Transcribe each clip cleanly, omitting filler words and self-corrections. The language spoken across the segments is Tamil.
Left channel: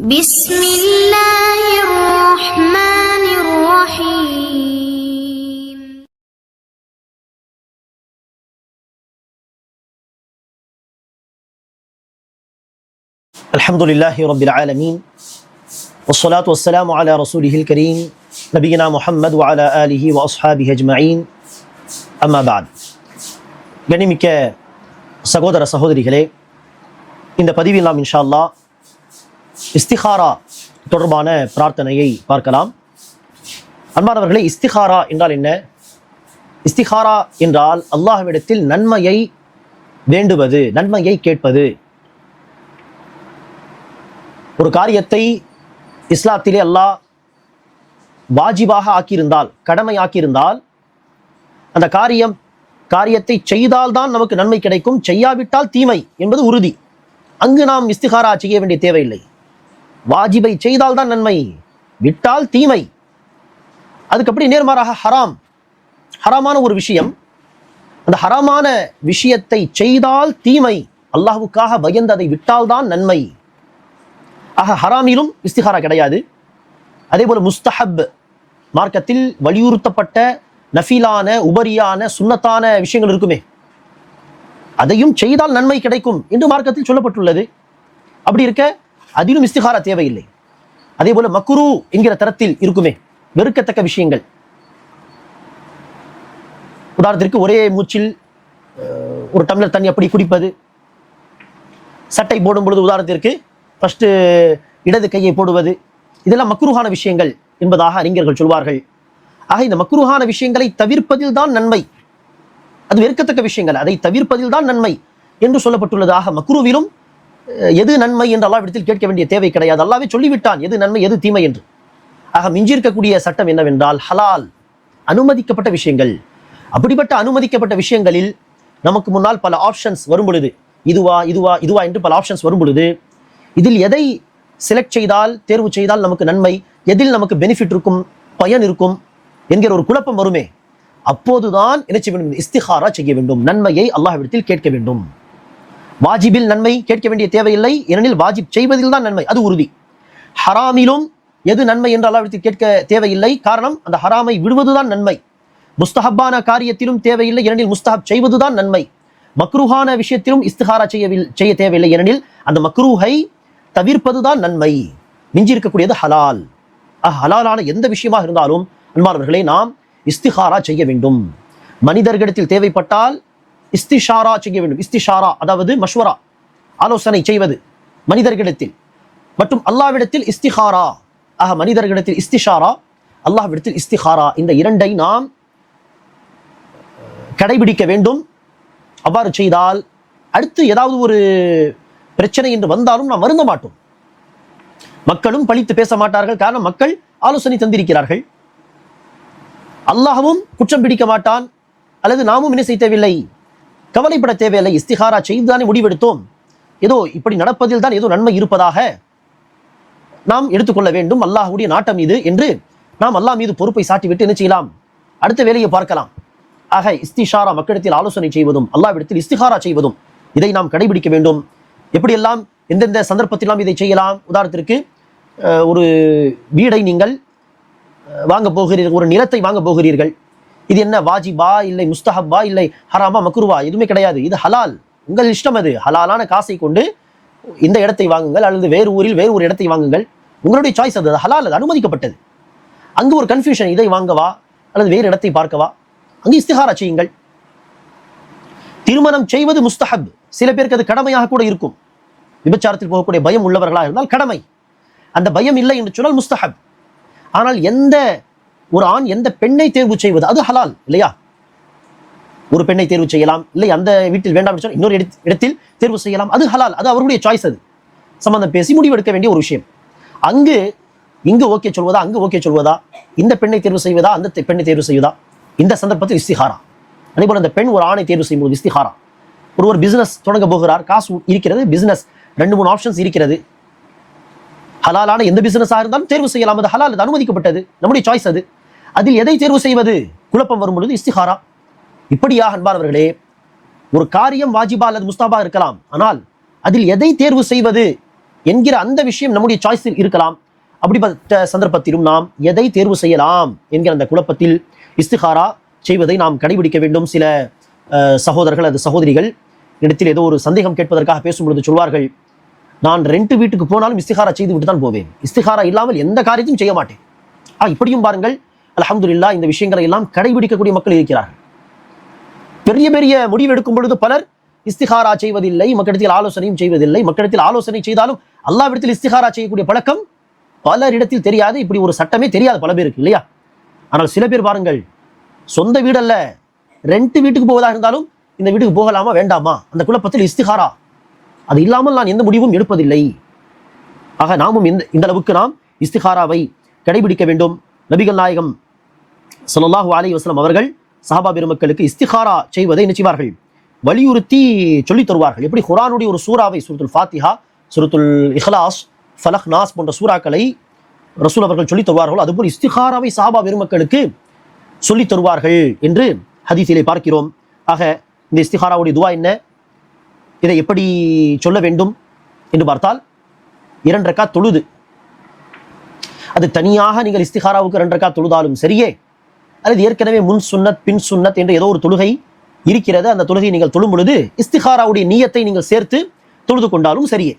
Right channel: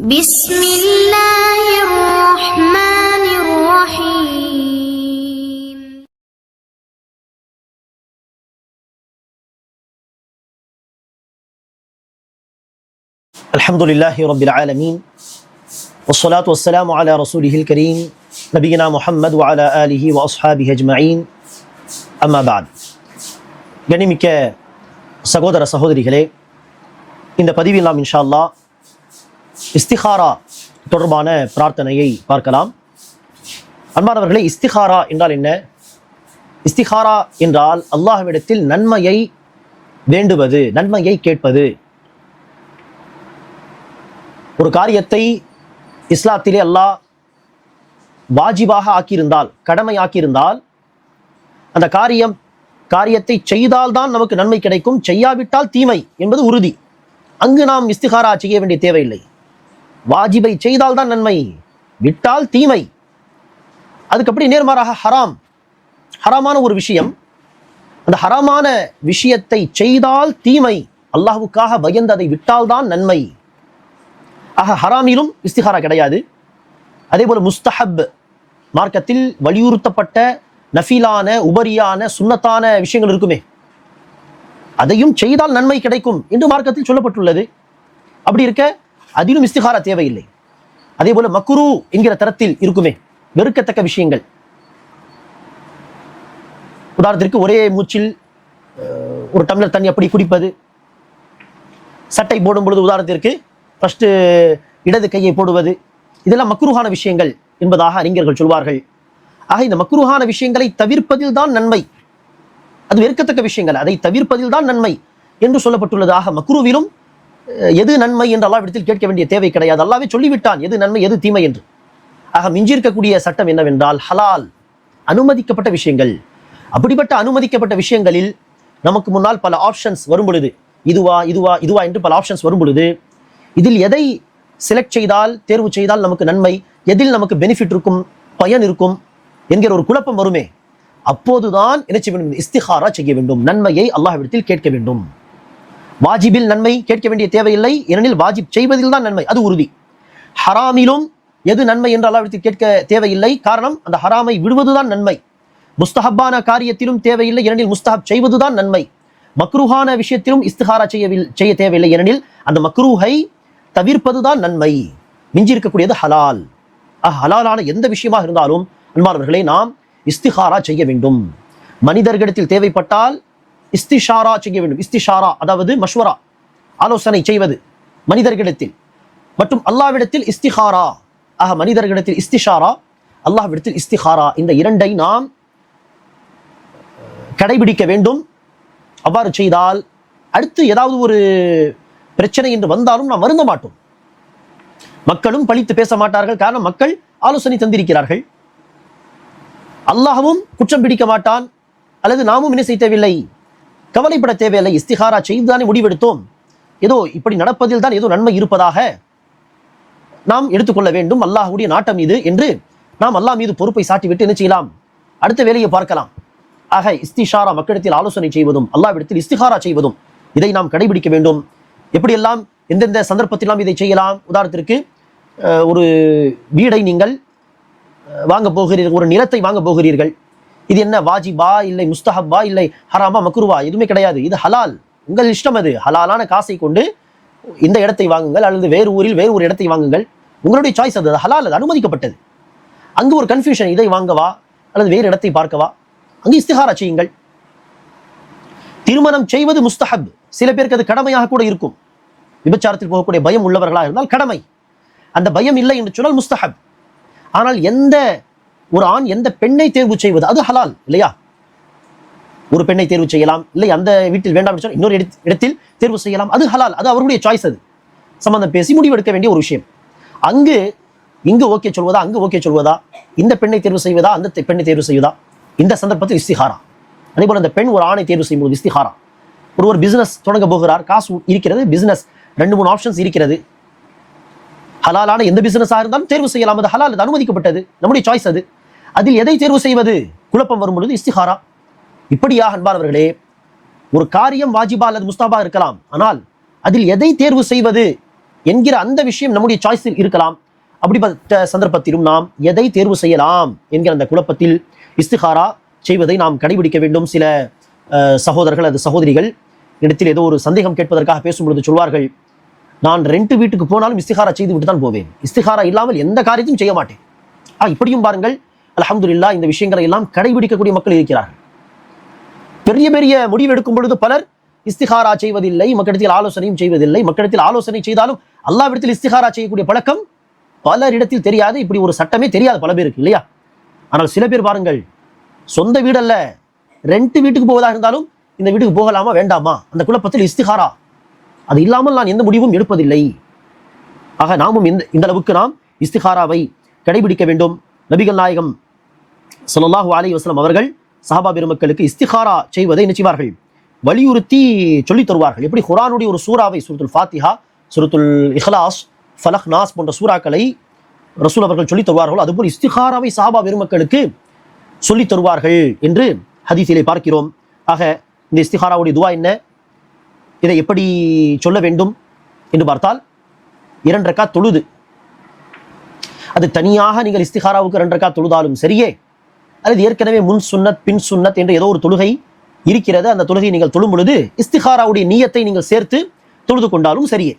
بسم الله الرحمن الرحيم. الحمد لله رب العالمين والصلاة والسلام على رسوله الكريم نبينا محمد وعلى آله وأصحابه أجمعين أما بعد. கண்ணியமிக்க சகோதர சகோதரிகளே, இந்த பதிவில் நாம் இன்ஷா அல்லாஹ் இஸ்திகாரா தொடர்பான பிரார்த்தனையை பார்க்கலாம். அன்பானவர்களே, இஸ்திகாரா என்றால் என்ன? இஸ்திகாரா என்றால் அல்லாஹ்விடத்தில் நன்மையை வேண்டுவது, நன்மையை கேட்பது. ஒரு காரியத்தை இஸ்லாத்திலே அல்லாஹ் வாஜிபாக ஆக்கியிருந்தால், கடமை ஆக்கியிருந்தால், அந்த காரியத்தை செய்தால்தான் நமக்கு நன்மை கிடைக்கும், செய்யாவிட்டால் தீமை என்பது உறுதி. அங்கு நாம் இஸ்திகாரா செய்ய வேண்டிய தேவையில்லை. வாஜிபை செய்தால் தான் நன்மை, விட்டால் தீமை. அதுக்கு அப்படி நேர்மாறாக ஹராமான ஒரு விஷயம், அந்த ஹராமான விஷயத்தை செய்தால் தீமை, அல்லாஹ்வுக்காக பயந்து அதை விட்டால் தான் நன்மை. ஆக ஹராமிலும் இஸ்திகாரா கிடையாது. அதே போல முஸ்தஹப், மார்க்கத்தில் வலியுறுத்தப்பட்ட நஃபீலான, உபரியான, சுன்னத்தான விஷயங்கள் இருக்குமே, அதையும் செய்தால் நன்மை கிடைக்கும் என்று மார்க்கத்தில் சொல்லப்பட்டுள்ளது. அப்படி இருக்க அதிலும் இஸ்திகாரா தேவையில்லை. அதே போல மக்ரூ என்கிற தரத்தில் இருக்குமே, வெறுக்கத்தக்க விஷயங்கள். உதாரணத்திற்கு ஒரே மூச்சில் ஒரு டம்ளர் தண்ணி அப்படி குடிப்பது, சட்டை போடும் பொழுது உதாரணத்திற்கு ஃபர்ஸ்ட் இடது கையை போடுவது, இதெல்லாம் மக்ரூஹான விஷயங்கள் என்பதாக அறிஞர்கள் சொல்வார்கள். ஆக இந்த மக்ரூஹான விஷயங்களை தவிர்ப்பதில் தான் நன்மை. அது வெறுக்கத்தக்க விஷயங்கள், அதை தவிர்ப்பதில் தான் நன்மை என்று சொல்லப்பட்டுள்ளதாக. மக்ரூவிலும் எது நன்மை என்று அல்லாஹ்விடத்தில் கேட்க வேண்டிய தேவை கிடையாது. அல்லாஹ்வே சொல்லிவிட்டான் எது நன்மை எது தீமை என்று. ஆக மிஞ்சிருக்கக்கூடிய சட்டம் என்னவென்றால் ஹலால், அனுமதிக்கப்பட்ட விஷயங்கள். அப்படிப்பட்ட அனுமதிக்கப்பட்ட விஷயங்களில் நமக்கு முன்னால் பல ஆப்ஷன்ஸ் வரும் பொழுது, இதுவா என்று பல ஆப்ஷன்ஸ் வரும் பொழுது, இதில் எதை செலக்ட் செய்தால், தேர்வு செய்தால் நமக்கு நன்மை, எதில் நமக்கு பெனிஃபிட் இருக்கும், பயன் இருக்கும் என்கிற ஒரு குழப்பம் வருமே, அப்போதுதான் என்ன செய்ய வேண்டும்? இஸ்திகாரா செய்ய வேண்டும், நன்மையை அல்லாஹ்விடத்தில் கேட்க வேண்டும். வாஜிபில் நன்மை கேட்க வேண்டிய தேவையில்லை, ஏனெனில் வாஜிப் செய்வதில் தான் நன்மை, அது உறுதி. ஹராமிலும் எது நன்மை என்று அல்லாஹ்விடத்தில் கேட்க தேவையில்லை, காரணம் அந்த ஹராமை விடுவதுதான் நன்மை. முஸ்தஹப்பான காரியத்திலும் தேவையில்லை, ஏனெனில் முஸ்தஹப் செய்வதுதான் நன்மை. மக்ரூஹான விஷயத்திலும் இஸ்திகாரா செய்ய தேவையில்லை, ஏனெனில் அந்த மக்ரூஹை தவிர்ப்பதுதான் நன்மை. மிஞ்சி இருக்கக்கூடியது ஹலால். ஹலாலான எந்த விஷயமாக இருந்தாலும் அன்பானவர்களே, நாம் இஸ்திகாரா செய்ய வேண்டும். மனிதர்களிடத்தில் தேவைப்பட்டால் இஸ்திஷாரா செய்ய வேண்டும். இஸ்திஷாரா அதாவது மஷ்வரா, ஆலோசனை செய்வது மனிதர்களிடத்தில், மற்றும் அல்லாஹ்விடத்தில் இஸ்திகாரா. ஆக மனிதர்களிடத்தில் இஸ்திஷாரா, அல்லாஹ்விடத்தில் இஸ்திகாரா, இந்த இரண்டை நாம் கடைபிடிக்க வேண்டும். அவ்வாறு செய்தால் அடுத்து ஏதாவது ஒரு பிரச்சனை என்று வந்தாலும் நாம் வருந்த மாட்டோம். மக்களும் பழித்து பேச மாட்டார்கள், காரணம் மக்கள் ஆலோசனை தந்திருக்கிறார்கள். அல்லாஹ்வும் குற்றம் பிடிக்க மாட்டான், அல்லது நாமும் என்ன செய்ய தேவையில்லை, கவலைப்பட தேவையில்லை. இஸ்திகாரா செய்துதானே முடிவெடுத்தோம், ஏதோ இப்படி நடப்பதில் தான் ஏதோ நன்மை இருப்பதாக நாம் எடுத்துக்கொள்ள வேண்டும். அல்லாஹ்வுடைய நாட்டம் இது என்று நாம் அல்லாஹ் மீது பொறுப்பை சாட்டிவிட்டு என்ன செய்யலாம், அடுத்த வேலையை பார்க்கலாம். ஆக இஸ்திஷாரா, மக்களிடத்தில் ஆலோசனை செய்வதும் அல்லாஹ்விடத்தில் இஸ்திகாரா செய்வதும், இதை நாம் கடைபிடிக்க வேண்டும். எப்படியெல்லாம் எந்தெந்த சந்தர்ப்பத்திலாம் இதை செய்யலாம்? உதாரணத்திற்கு ஒரு வீடை நீங்கள் வாங்க போகிறீர்கள், ஒரு நிலத்தை வாங்க போகிறீர்கள். இது என்ன வாஜிபா இல்லை முஸ்தஹப்பா இல்லை ஹராமா மக்ருவா? எதுவுமே கிடையாது, இது ஹலால், உங்கள் இஷ்டம். அது ஹலாலான காசை கொண்டு இந்த இடத்தை வாங்குங்கள், அல்லது வேறு ஊரில் வேறு ஒரு இடத்தை வாங்குங்கள், உங்களுடைய சாய்ஸ். அது ஹலால், அது அனுமதிக்கப்பட்டது. அங்கு ஒரு கன்ஃபியூஷன், இதை வாங்கவா அல்லது வேறு இடத்தை பார்க்கவா, அங்கு இஸ்திகாரா செய்யுங்கள். திருமணம் செய்வது முஸ்தஹப், சில பேருக்கு அது கடமையாக கூட இருக்கும். விபச்சாரத்தில் போகக்கூடிய பயம் உள்ளவர்களாக இருந்தால் கடமை, அந்த பயம் இல்லை என்று சொன்னால் முஸ்தஹப். ஆனால் எந்த ஒரு ஆண் எந்த பெண்ணை தேர்வு செய்வது அது ஹலால் இல்லையா? ஒரு பெண்ணை தேர்வு செய்யலாம், இல்லை அந்த வீட்டில் வேண்டாம் என்று சொன்னால் இன்னொரு இடத்தில் தேர்வு செய்யலாம், அது ஹலால், அது அவருடைய சாய்ஸ். அது சம்பந்தம் பேசி முடிவெடுக்க வேண்டிய ஒரு விஷயம். இங்கு ஓகே சொல்வதா, அங்கு ஓகே சொல்வதா, இந்த பெண்ணை தேர்வு செய்வதா, அந்த பெண்ணை தேர்வு செய்வதா, இந்த சந்தர்ப்பத்தில் இஸ்திகாரா. அதே போல அந்த பெண் ஒரு ஆணை தேர்வு செய்யும்போது இஸ்திகாரா. ஒரு பிசினஸ் தொடங்க போகிறார், காசு இருக்கிறது, பிசினஸ் 2-3 ஆப்ஷன்ஸ் இருக்கிறது. ஹலாலான எந்த பிசினஸாக இருந்தாலும் தேர்வு செய்யலாம், அது ஹலால், அது அனுமதிக்கப்பட்டது, நம்முடைய சாய்ஸ். அது அதில் எதை தேர்வு செய்வது, குழப்பம் வரும் பொழுது இஸ்திகாரா. இப்படியாக அன்பானவர்களே, ஒரு காரியம் வாஜிபா அல்லது முஸ்தாபா இருக்கலாம், ஆனால் அதில் எதை தேர்வு செய்வது என்கிற அந்த விஷயம் நம்முடைய சாய்ஸில் இருக்கலாம். அப்படிப்பட்ட சந்தர்ப்பத்திலும் நாம் எதை தேர்வு செய்யலாம் என்கிற அந்த குழப்பத்தில் இஸ்திகாரா செய்வதை நாம் கடைபிடிக்க வேண்டும். சில சகோதரர்கள் அது சகோதரிகள் இடத்தில் ஏதோ ஒரு சந்தேகம் கேட்பதற்காக பேசும்பொழுது சொல்வார்கள், நான் 2 வீட்டுக்கு போனாலும் இஸ்திகாரா செய்து விட்டு தான் போவேன், இஸ்திகாரா இல்லாமல் எந்த காரியத்தையும் செய்ய மாட்டேன். இப்படியும் பாருங்கள், அல்ஹம்துலில்லாஹ் இந்த விஷயங்களை எல்லாம் கடைபிடிக்கக்கூடிய மக்கள் இருக்கிறார்கள். பெரிய பெரிய முடிவு எடுக்கும் பொழுது பலர் இஸ்திகாரா செய்வதில்லை, மக்களிடத்தில் ஆலோசனையும் செய்வதில்லை. மக்களிடத்தில் ஆலோசனை செய்தாலும் அல்லாஹ்விடத்தில் இஸ்திகாரா செய்யக்கூடிய பழக்கம் பலரிடத்தில் தெரியாது. இப்படி ஒரு சட்டமே தெரியாது பல பேருக்கு, இல்லையா? ஆனால் சில பேர் பாருங்கள், சொந்த வீடல்ல 2 வீட்டுக்கு போவதாக இருந்தாலும் இந்த வீட்டுக்கு போகலாமா வேண்டாமா, அந்த குழப்பத்தில் இஸ்திகாரா அது இல்லாமல் நான் எந்த முடிவும் எடுப்பதில்லை. ஆக நாமும் இந்த அளவுக்கு நாம் இஸ்திகாராவை கடைபிடிக்க வேண்டும். நபிகள் நாயகம் ஸல்லல்லாஹு அலைஹி வஸல்லம் அவர்கள் சஹாபா பெருமக்களுக்கு இஸ்திகாரா செய்வதை நினைவார்கள், வலியுறுத்தி சொல்லி தருவார்கள். எப்படி குர்ஆனுடைய ஒரு சூராவை, சூரத்துல் ஃபாத்திஹா, சூரத்துல் இஹ்லாஸ், ஃபலக், நாஸ் போன்ற சூறாக்களை ரசூல் அவர்கள் சொல்லி தருவார்கள், அதுபோல் இஸ்திகாராவை சஹாபா பெருமக்களுக்கு சொல்லி தருவார்கள் என்று ஹதீஸிலே பார்க்கிறோம். ஆக இந்த இஸ்திகாராவுடைய துவா என்ன, இதை எப்படி சொல்ல வேண்டும் என்று பார்த்தால், 2 ரக்காத் தொழுது, அது தனியாக நீங்கள் இஸ்திகாராவுக்கு 2 ரக்காத் தொழுதாலும் சரியே, அல்லது ஏற்கனவே முன் சுன்னத் பின் சுன்னத் என்று ஏதோ ஒரு தொழுகை இருக்கிறது, அந்த தொழுகையை நீங்கள் தொழும் பொழுது இஸ்திகாராவுடைய நியத்தை நீங்கள் சேர்த்து தொழுது கொண்டாலும் சரியே.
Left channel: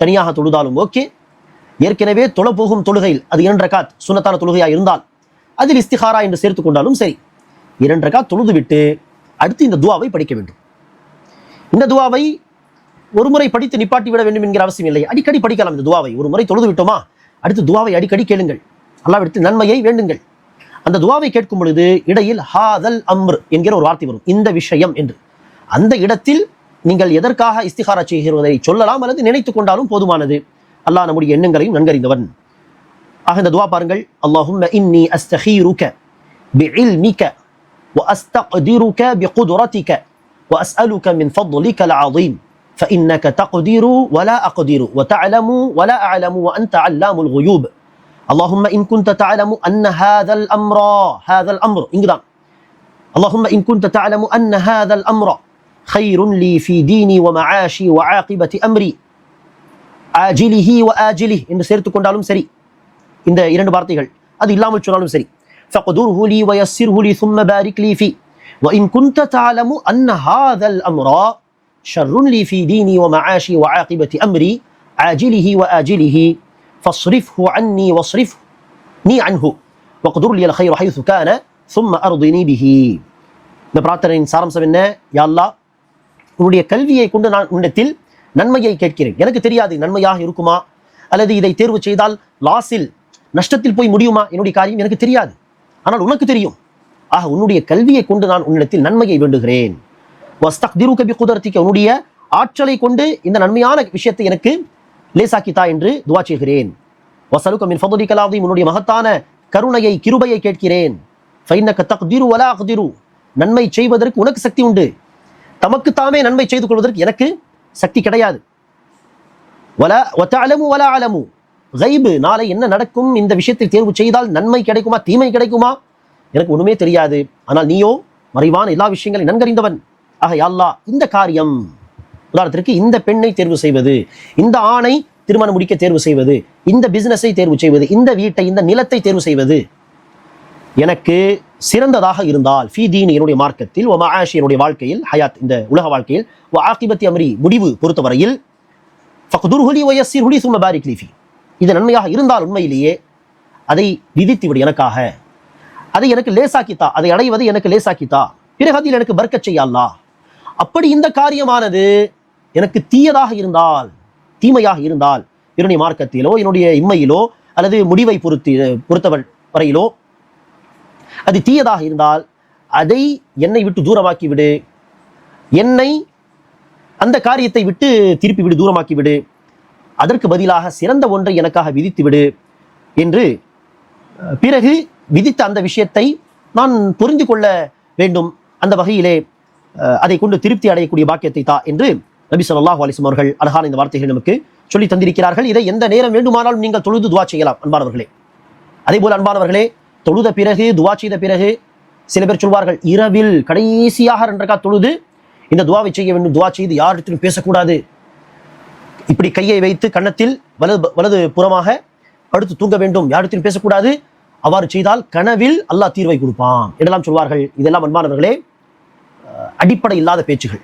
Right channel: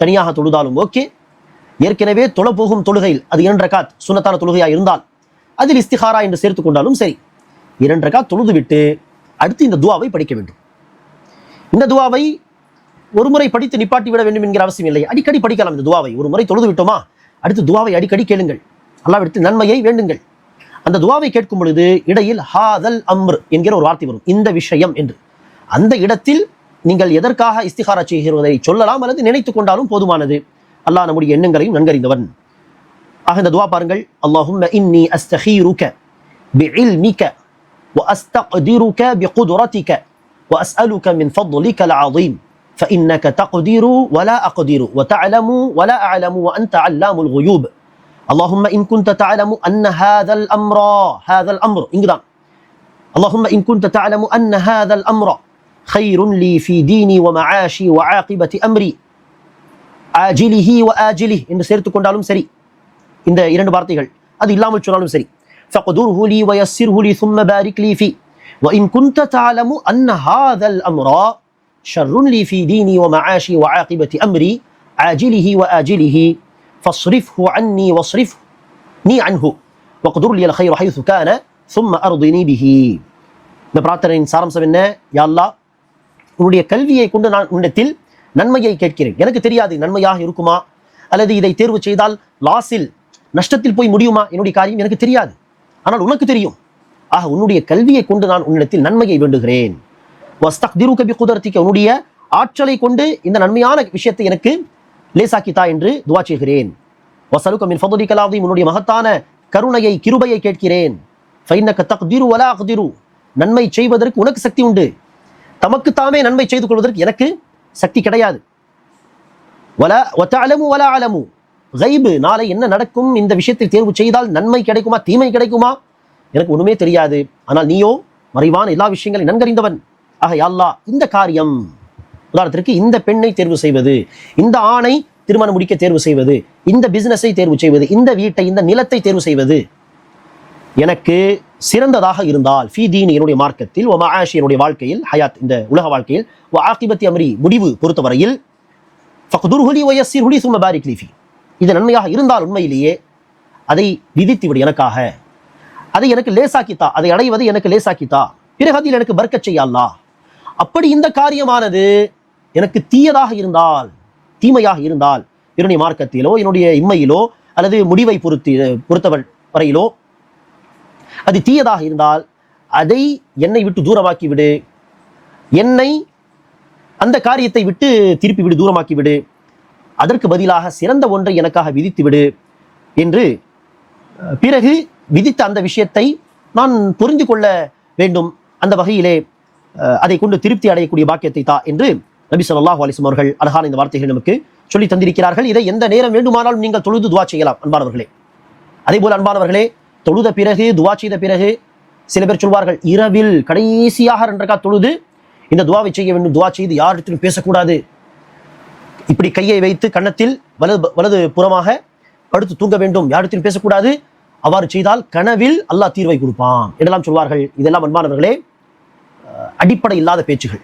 தனியாக தொழுதாலும் ஓகே, ஏற்கனவே தொழ போகும் தொழுகையில் அது 2 ரக்காத் சுன்னத்தான தொழுகையா இருந்தால் அதில் இஸ்திகாரா என்று சேர்த்து கொண்டாலும் சரி. 2 ரக்காத் தொழுது விட்டு அடுத்து இந்த துவாவை படிக்க வேண்டும். இந்த துவாவை ஒரு முறை படித்து நிப்பாட்டி விட வேண்டும் என்கிற அவசியம் இல்லை, அடிக்கடி படிக்கலாம். இந்த துவாவை ஒரு முறை தொழுது விட்டோமா, அடுத்து துவாவை அடிக்கடி கேளுங்கள், அல்லாஹ்விடத்தில் நன்மையை வேண்டுங்கள். அந்த துவாவை கேட்கும் பொழுது இடையில் ஹாதல் அம்ர் என்கிற ஒரு வார்த்தை வரும், இந்த விஷயம் என்று. அந்த இடத்தில் நீங்கள் எதற்காக இஸ்திகாரா செய்கிறதை சொல்லலாம் அல்லது நினைத்துக் கொண்டாலும் போதுமானது. அல்லாஹ் நம்முடைய எண்ணங்களையும் நன்கறிந்தவன். இந்த துவா பாருங்கள், அல்லாஹும்ம இன்னி அஸ்தகீருக பிஇல்மிக وأستقدرك بقدرتك وأسألك من فضلك العظيم فإنك تقدر ولا أقدر وتعلم ولا أعلم وأنت علام الغيوب اللهم إن كنت تعلم أن هذا الأمر اللهم إن كنت تعلم أن هذا الأمر خير لي في ديني ومعاشي وعاقبة أمري عاجله وآجله إن سرت كندالم سري இந்த 2 வார்த்தைகள் அது இல்லாமல் சொன்னாலும் சரி. فقدره لي ويسره لي ثم بارك لي فيه وإن كنت تعلم أن هذا الأمر شر لي في ديني ومعاشي وعاقبة أمري عاجله وآجله فاصرفه عني واصرفني عنه وقدر لي الخير حيث كان ثم أرضني به. இந்த பிரார்த்தனையின் சாராம்சம் என்ன? யா அல்லாஹ், உன்னுடைய கல்வியை கொண்டு நான் உன்னிடத்தில் நன்மையை கேட்கிறேன். எனக்கு தெரியாது நன்மையாக இருக்குமா அல்லது இதை தேர்வு செய்தால் லாஸில் நஷ்டத்தில் போய் முடியுமா, என்னுடைய காரியம் எனக்கு தெரியாது, ஆனால் உனக்கு தெரியும். உன்னுடைய கல்வியை கொண்டு நான் உன்னிடத்தில் நன்மையை வேண்டுகிறேன். உன்னுடைய ஆற்றலை கொண்டு இந்த நன்மையான விஷயத்தை எனக்கு லேசாக்கித்தா என்று துவா செய்கிறேன். உன்னுடைய மகத்தான கருணையை, கிருபையை கேட்கிறேன். நன்மை செய்வதற்கு உனக்கு சக்தி உண்டு, தமக்கு தாமே நன்மை செய்து கொள்வதற்கு எனக்கு சக்தி கிடையாது. நாளை என்ன நடக்கும், இந்த விஷயத்தை தேர்வு செய்தால் நன்மை கிடைக்குமா தீமை கிடைக்குமா எனக்கு ஒண்ணுமே தெரியாது, ஆனால் நீயோ மறைவான எல்லா விஷயங்களும் நன்கறிந்தவன். இந்த காரியம், உதாரணத்திற்கு இந்த பெண்ணை தேர்வு செய்வது, இந்த ஆணை திருமணம் முடிக்க தேர்வு செய்வது, இந்த பிசினஸை தேர்வு செய்வது, இந்த வீட்டை, இந்த நிலத்தை தேர்வு செய்வது எனக்கு சிறந்ததாக இருந்தால் ஃபீ தீனி என்னுடைய மார்க்கத்தில், வ மஆஷி என்னுடைய வாழ்க்கையில், ஹயாத் இந்த உலக வாழ்க்கையில், வ ஆகிபத்தி அம்ரி முடிவு பொறுத்தவரையில், ஃபக்துர்ஹு லி வ யஸ்ஸிர்ஹு லி ஸும்ம பாரிக் லி ஃபீ இது நன்மையாக இருந்தால் உண்மையிலேயே அதை விதித்து விடு எனக்காக, அதை எனக்கு லேசாக்கித்தா, அதை அடைவது எனக்கு லேசாக்கித்தா, பிறகு அதில் எனக்கு பர்க்கத் செய்ய அல்லாஹ். அப்படி இந்த காரியமானது எனக்கு தீயதாக இருந்தால், தீமையாக இருந்தால், என்னுடைய மார்க்கத்திலோ என்னுடைய இம்மையிலோ அல்லது முடிவை பொறுத்தவள் வரையிலோ அது தீயதாக இருந்தால் அதை என்னை விட்டு தூரமாக்கி விடு, என்னை அந்த காரியத்தை விட்டு திருப்பி விடு, தூரமாக்கி விடு, அதற்கு பதிலாக சிறந்த ஒன்றை எனக்காக விதித்து விடு என்று பிறகு விதித்த அந்த விஷயத்தை நான் புரிந்து கொள்ள வேண்டும். அந்த வகையிலே அதை கொண்டு திருப்தி அடையக்கூடிய பாக்கியத்தை தா என்று நபி ஸல்லல்லாஹு அலைஹி வஸல்லம் அவர்கள் அழகான இந்த வார்த்தைகள் நமக்கு சொல்லி தந்திருக்கிறார்கள். இதை எந்த நேரம் வேண்டுமானாலும் நீங்கள் தொழுது துவா செய்யலாம் அன்பானவர்களே. அதே போல அன்பானவர்களே, தொழுத பிறகு துவா செய்த பிறகு சில பேர் சொல்வார்கள், இரவில் கடைசியாக 2 ரக்காத் தொழுது இந்த துவாவை செய்ய வேண்டும், துவா செய்து யாரிடத்திலும் பேசக்கூடாது, இப்படி கையை வைத்து கன்னத்தில் வலது புறமாக படுத்து தூங்க வேண்டும், யாரிடத்தில் பேசக்கூடாது. அவ்வாறு செய்தால் கனவில் அல்லாஹ் தீர்வை கொடுப்பான் என்றெல்லாம் சொல்வார்கள். இதெல்லாம் அன்பானவர்களே அடிப்படை இல்லாத பேச்சுகள்.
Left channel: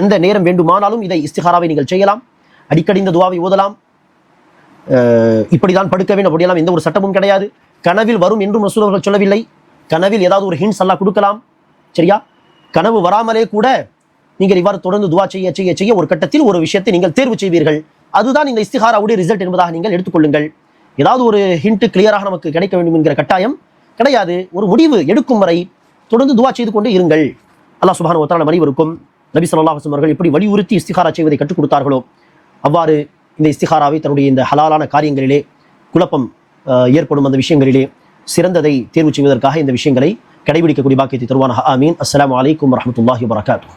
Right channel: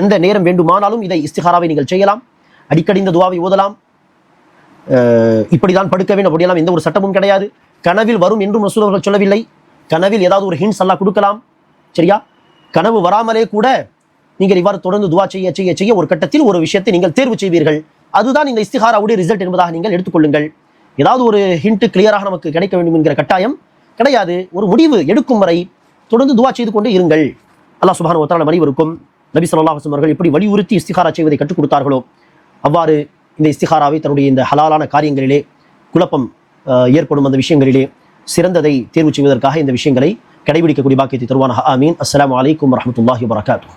எந்த நேரம் வேண்டுமானாலும் இதை இஸ்திகாராவை நீங்கள் செய்யலாம், அடிக்கடி இந்த துவாவை ஓதலாம். இப்படிதான் படுக்க வேண்டும் அப்படியெல்லாம் எந்த ஒரு சட்டமும் கிடையாது. கனவில் வரும் என்றும் ரசூல் அவர்கள் சொல்லவில்லை. கனவில் ஏதாவது ஒரு ஹிண்ட்ஸ் அல்லாஹ் கொடுக்கலாம், சரியா? கனவு வராமலே கூட நீங்கள் இவ்வாறு தொடர்ந்து துவா செய்ய செய்ய செய்ய ஒரு கட்டத்தில் ஒரு விஷயத்தை நீங்கள் தேர்வு செய்வீர்கள். அதுதான் இந்த இஸ்திகாராவுடைய ரிசல்ட் என்பதாக நீங்கள் எடுத்துக்கொள்ளுங்கள். ஏதாவது ஒரு ஹிண்ட் கிளியராக நமக்கு கிடைக்க வேண்டும் என்கிற கட்டாயம் கிடையாது. ஒரு முடிவு எடுக்கும் வரை தொடர்ந்து துவா செய்து கொண்டு இருங்கள். அல்லாஹ் சுப்ஹானஹு வ தஆலா அனைவருக்கும் நபி ஸல்லல்லாஹு அலைஹி வஸல்லம் அவர்கள் எப்படி வலியுறுத்தி இஸ்திகாரா செய்வதை கற்றுக் கொடுத்தார்களோ அவ்வாறு இந்த இஸ்திகாராவை தன்னுடைய இந்த ஹலாலான காரியங்களிலே குழப்பம் ஏற்படும் அந்த விஷயங்களிலே சிறந்ததை தேர்வு செய்வதற்காக இந்த விஷயங்களை கடைபிடிக்கக்கூடிய பாக்கியத்தை தருவானாக. ஆமீன். அஸ்ஸலாமு அலைக்கும் வரஹ்மத்துல்லாஹி வபரகாத்துஹு.